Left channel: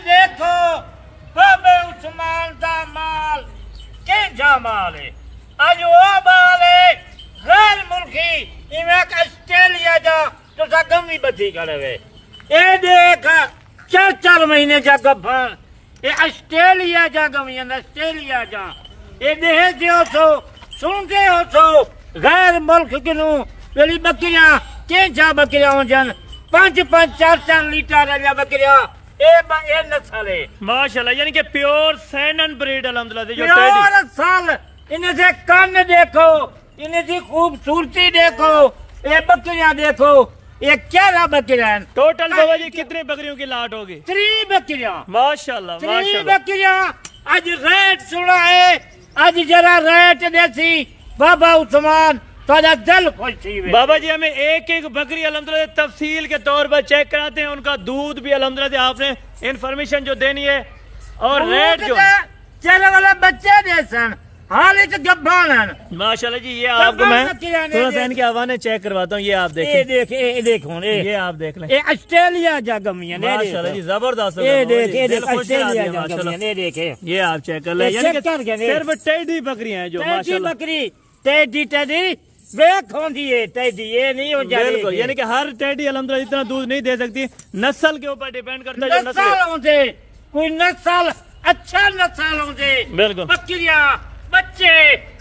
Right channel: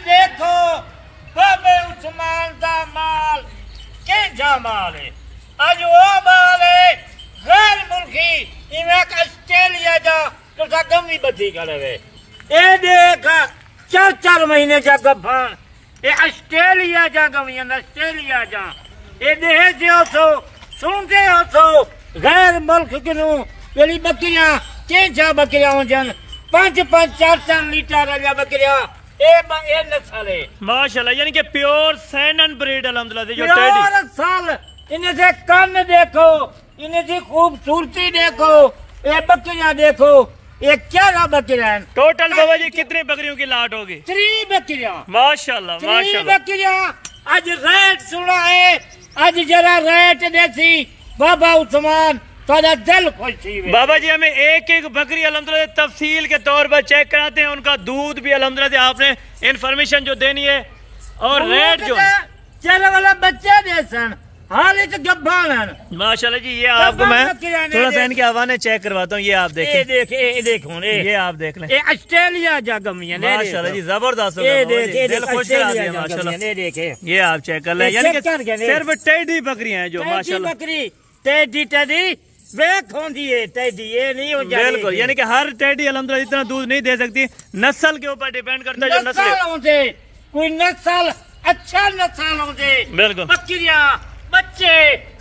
देखो बाबे उस्मान का माल के माल है, आज वो माल है गैर मुल्की इवें ऑस्ट्रेलिया जा तो गम भी बची करे वे ए देख 4-4 महीने जा गफान ए ऑस्ट्रेलिया जा गमी ऑस्ट्रेलिया जा ए देह जो सो सूंके हो सो गैर मुल्क किनु पेली बकरियां के जा बकरियां जन 5-5 4-4 लीटर वाला बकरियां ए नस्ल है माशाल्लाह, यानी कि प्योर सैनन ब्रीड अल्हम्दुलिल्लाह जो प्योर नस्ल। इन्हें से कान देखो, इन्हें की खूबसूरती देखो, ये बकरियां देखो, ये क्या बकरियां हैं। टोटल बाबा जी कितने बकरियों की लाट होगी? 3 बकरियां माशाल्लाह 3 बकरियां। आज रेट सुना है, आज जरा रेट देसी बाबा उस्मान तो दिल खुश थी। बाबा जी हमें एक एक बकरी अल्हम्दुलिल्लाह तफसील के तौर पर चेक कराते हैं, उनका दूध भी अल्हम्दुलिल्लाह आपने इन्फॉर्मेशन जो देनी है और रेट जो चल वाला बच्चे जैसन हाल गब्बान माशाल्लाह जी। ये आपको मैं थोड़ा सा इनके हवाने चेक करवाता हूँ, ये आप देखें, देखो ये आप देख लें, ऑस्ट्रेलिया जा गमियां माशाल्लाह जी जबरदस्त, दिल खुश करा दिया माशाल्लाह। ये आप चेक कर लें, यानी कि सिर्फ टेडी बकरियां हैं जो माशाल्लाह बकरी टेडी ये नहीं हो बिल्कुल, यानी कि हर टेडी अल्हम्दुलिल्लाह इतना दूध नहीं दे सकती, नस्ल के ऊपर डिपेंड करता है। जो नस्ल कोई नस्ल अच्छा नस्ल होते बिल्कुल बकरियां बच्चे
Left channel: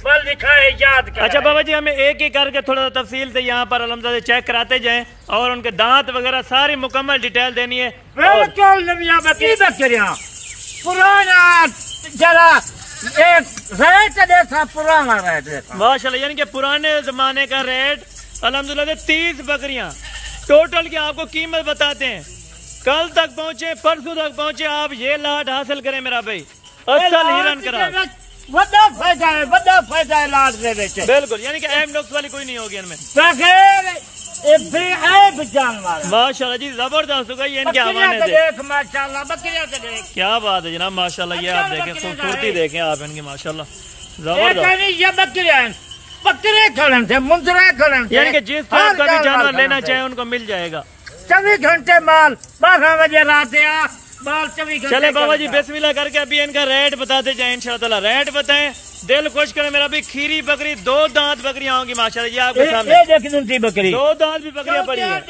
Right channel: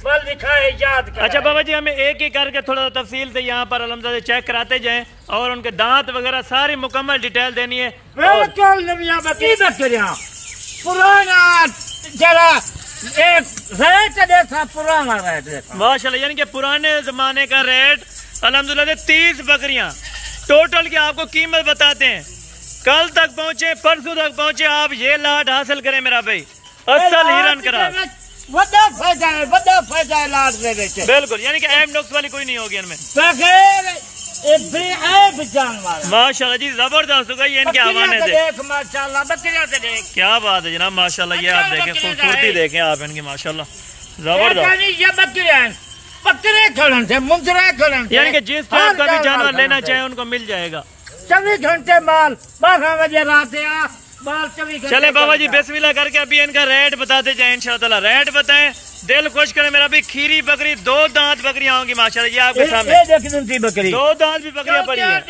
बल दिखाए याद कर। अच्छा बाबा जी हमें एक एक करके थोड़ा तफसील से यहाँ पर अल्हम्दुलिल्लाह चेक कराते जाएं और उनके दांत वगैरह सारी मुकम्मल डिटेल देनी है। बिल्कुल नविया बकरियां पुराना जरा एक रेट देखा, पुराना रेट देखा माशाल्लाह, यानी कि पुराने जमाने का रेट अल्हम्दुलिल्लाह 30 बकरियां टोटल की आपको कीमत बताते हैं। कल तक पहुंचे, परसों तक पहुंचे, आप ये लाट हासिल करें मेरा भाई, असल हिरन करा बड़ा फायदा है लाट दे बेचे बिल्कुल, यानी कि एम नुक्स वाली कोई नहीं होगी इनमें। माशाल्लाह जी जबरदस्त होगा, ये इनके हवाने देख माशाल्लाह बकरियां से देख, क्या बात है जनाब माशाल्लाह। ये आप देखें, खूबसूरती देखें आप इनकी माशाल्लाह जबरदस्त। ये बकरियां बकरे खड़न से मुंदरे खड़न, यानी कि जिस टाइप का भी जानवर लेना चाहे उनको मिल जाएगा। 24 घंटे माल 12 बजे रात माल 24 घंटे। चले बाबा जी बिस्मिल्लाह करके अभी इनका रेट बताते जाए इंशाअल्लाह। रेट बताएं, दिल खुश करें मेरा भी। खीरी बकरी 2 दांत बकरियां होंगी माशाल्लाह, ये आपके सामने बकरी 2 दांत भी बकरियां पड़ी है,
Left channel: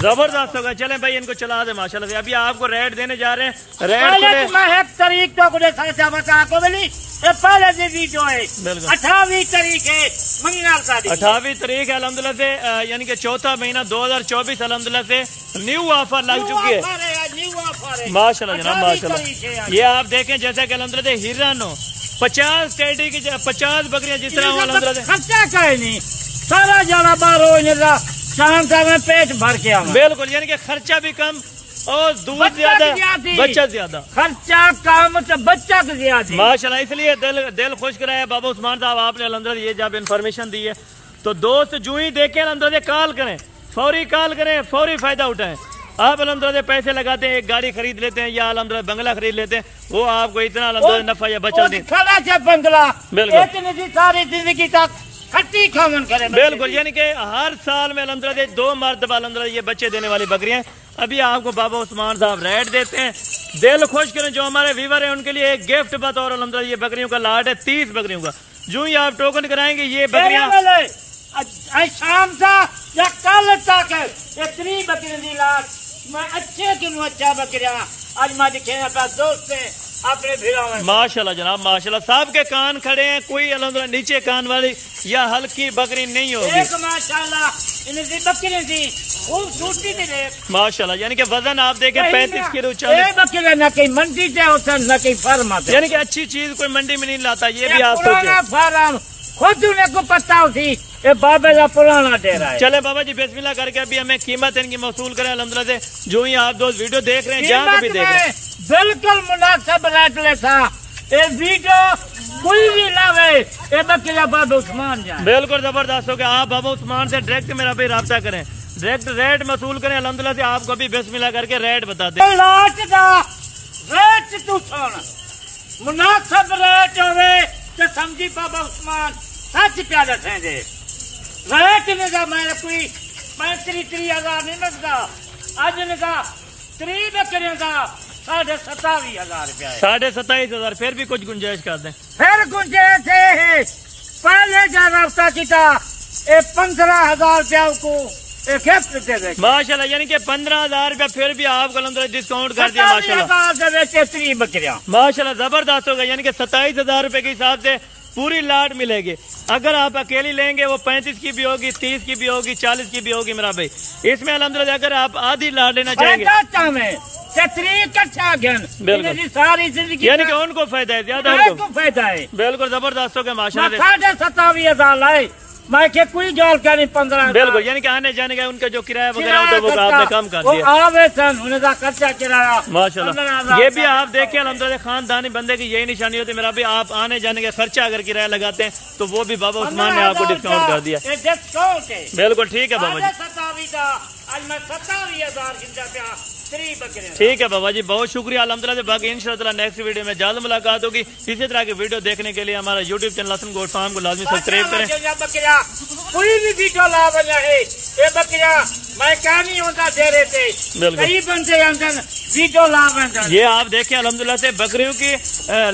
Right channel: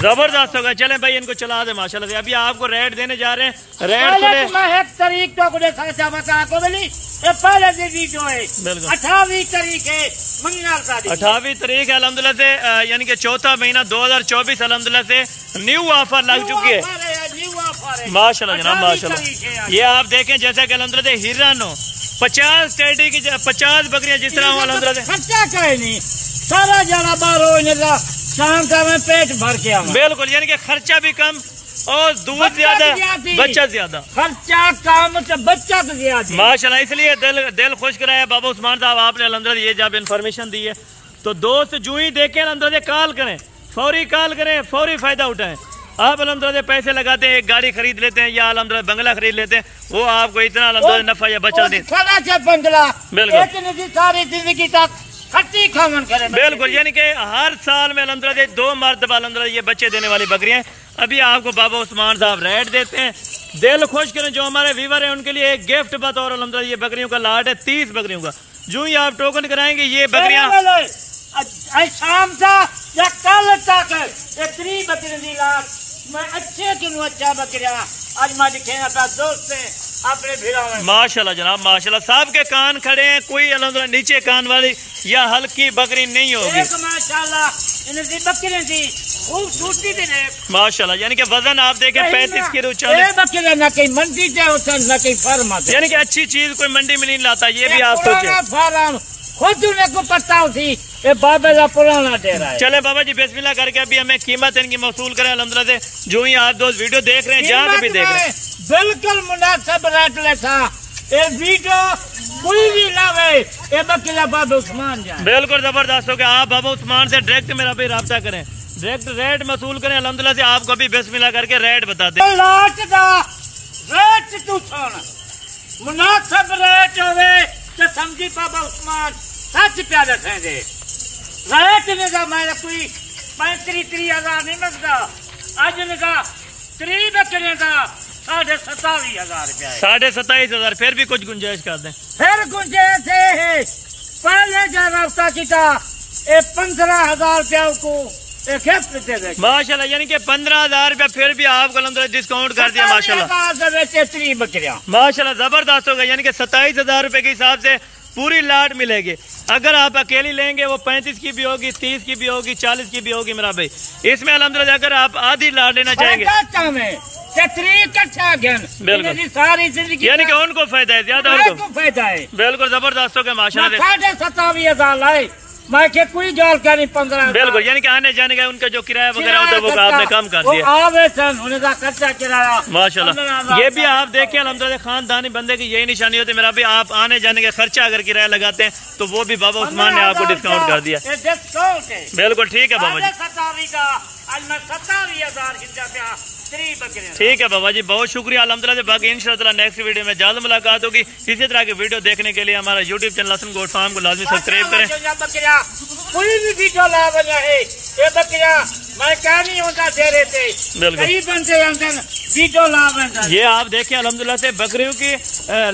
जबरदस्त होगा। चले भाई इनको चला दे माशाल्लाह से। अभी आपको रेट देने जा रहे हैं, रेट खुले तारीख तो पहले से वीडियो है 28 तारीख है 28 तारीख अल्हम्दुलिल्लाह से, यानी कि 4था महीना 2024 अल्हम्दुलिल्लाह से न्यू ऑफर लग चुकी है माशाल्लाह जनाब माशाल्लाह। ये आप देखें जैसा कि अल्हम्दुलिल्लाह हिरन हो 50 टेडी की 50 बकरियां जिस तरह अल्हम्दुलिल्लाह खर्चा कहे नहीं, सारा जाना बाहर शाम का मैं पेट भर के आऊँ बिल्कुल, यानी कि खर्चा भी कम और दूध ज्यादा बच्चा ज्यादा, खर्चा कम तो बच्चा तो ज्यादा माशाल्लाह। इसलिए दिल खुश कराया बाबा उस्मान साहब आपने अल्हम्दुलिल्लाह ये जब इन्फॉर्मेशन दी है। तो दोस्त जो ही देखें अल्हम्दुलिल्लाह कॉल करें, फौरी कॉल करें, फौरी फायदा उठाएं। आप अल्हम्दुलिल्लाह पैसे लगाते हैं, एक गाड़ी खरीद लेते हैं या अल्हम्दुलिल्लाह बंगला खरीद लेते हैं, वो आपको इतना अल्हम्दुलिल्लाह नफा या बचा दे बंगला बिल्कुल सारी जिंदगी तक खट्टी खावन करे बिल्कुल, यानी कि हर साल में अल्हम्दुलिल्लाह 2 मरतबा अल्हम्दुलिल्लाह ये बच्चे देने वाली बकरियां। अभी आपको बाबा उस्मान साहब रेट देते हैं, दिल खुश करें। जो हमारे व्यूवर है उनके लिए एक गिफ्ट बतौर अल्हम्दुलिल्लाह ये बकरियों का लाट है 30 बकरियों का। जो ही आप टोकन कराएंगे ये बकरियां शाम का या कल तक 3 बकरियों की लाट मैं अच्छे चुनू अच्छा बकरिया आज मैं दिखे अपना दोस्त से अपने भिड़ा माशाल्लाह जनाब माशाल्लाह। साहब के कान खड़े हैं, कोई अल्हम्दुलिल्लाह नीचे कान वाली या हल्की बकरी नहीं होगी माशाल्लाह। इनकी बकरी थी खूबसूरती थी माशाल्लाह, यानी कि वजन आप देखें 35 किलो 40 बकरी न कहीं मंडी से होता न कहीं फार्म आता, यानी कि अच्छी चीज कोई मंडी में नहीं लाता। ये भी आप सोचे फार्म खुद उन्हें को पता होती ये बाबा का पुराना डेरा है। चले बाबा जी बिस्मिल्लाह करके अभी हमें कीमत इनकी वसूल करें अल्हम्दुलिल्लाह से। जो ही आप दोस्त वीडियो देख रहे हैं जहाँ भी देख रहे हैं बिल्कुल मुनासिब रेट लेता एक वीडियो कोई भी लावे ये बकरिया बाबा उस्मान जान बिल्कुल जबरदस्त हो गया। आप बाबा उस्मान से डायरेक्ट मेरा भी राब्ता करें, डायरेक्ट रेट वसूल करें अल्हम्दुलिल्लाह से। आपको भी बिस्मिल्लाह करके रेट बता दें। रेट तू मुनासिब रेट हो समझी बाबा उस्मान सच प्यारे थे रेट ने मैं कोई 35-30 हजार नहीं लगता। आज ने 3 बकरियों का 27,500 रुपया है। 27,500 फिर भी कुछ गुंजाइश कर दें। फिर गुंजाइश है पहले जो रब्ता किया 15,000 रुपया को माशाल्लाह, यानी कि 15,000 रुपया फिर भी आपको अलहमदुलिल्लाह डिस्काउंट कर दिया माशाल्लाह। 3 बकरियां माशाल्लाह जबरदस्त होगा, यानी कि 27,000 रुपए के हिसाब से पूरी लाट मिलेगी। अगर आप अकेली लेंगे वो 35 की भी होगी, 30 की भी होगी, 40 की भी होगी मेरा भाई। इसमें अल्हम्दुलिल्लाह अगर आप आधी लाट लेना चाहेंगे बिल्कुल सारी जिंदगी, यानी कि उनको फायदा है, ज्यादा उनको फायदा है। बिल्कुल जबरदस्त होगा माशाल्लाह। 27,500 लाए मैं के कोई जाल का नहीं 15। बिल्कुल, यानी कि आने जाने का उनका जो किराया वगैरह होता है वो आपने कम कर दिया। उनका खर्चा किराया माशाल्लाह। ये भी आप देखें अल्हम्दुलिल्लाह खानदानी बंदे की यही निशानी होती है मेरा भी। आप आने जाने का खर्चा अगर किराया लगाते हैं तो वो भी बाबा उस्मान ने आपको डिस्काउंट कर दिया। बिल्कुल ठीक है बाबा जी, ठीक है बाबा जी, बहुत शुक्रिया अल्हम्दुलिल्लाह। बाकी इंशाअल्लाह नेक्स्ट वीडियो में जल्द मुलाकात होगी। इसी तरह की वीडियो देखने के लिए हमारा YouTube channel Hasan goat farm को लाजमी सब्सक्राइब करें। कोई भी वीडियो ला बना है ये बकरिया मैं क्या नहीं होता दे रहे थे, कई बंदे अंदर वीडियो ला बना। ये आप देखें अल्हम्दुलिल्लाह से बकरियों की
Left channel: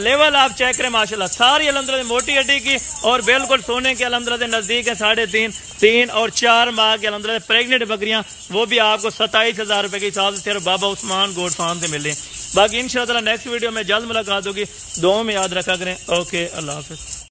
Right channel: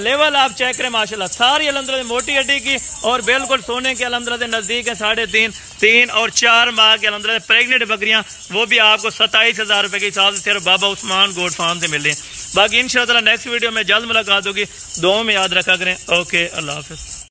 लेवल आप चेक करें माशाल्लाह, सारी अल्हम्दुलिल्लाह मोटी हड्डी की और बिल्कुल सोने के अल्हम्दुलिल्लाह नजदीक है। 3.5, 3 और 4 माह के अल्हम्दुलिल्लाह प्रेग्नेंट बकरियां, वो भी आपको 27,000 रुपए के हिसाब से सिर्फ बाबा उस्मान गोट फार्म से मिल रही हैं। बाकी इंशाअल्लाह नेक्स्ट वीडियो में जल्द मुलाकात होगी। दुआ में याद रखा करें। ओके, अल्लाह हाफिज।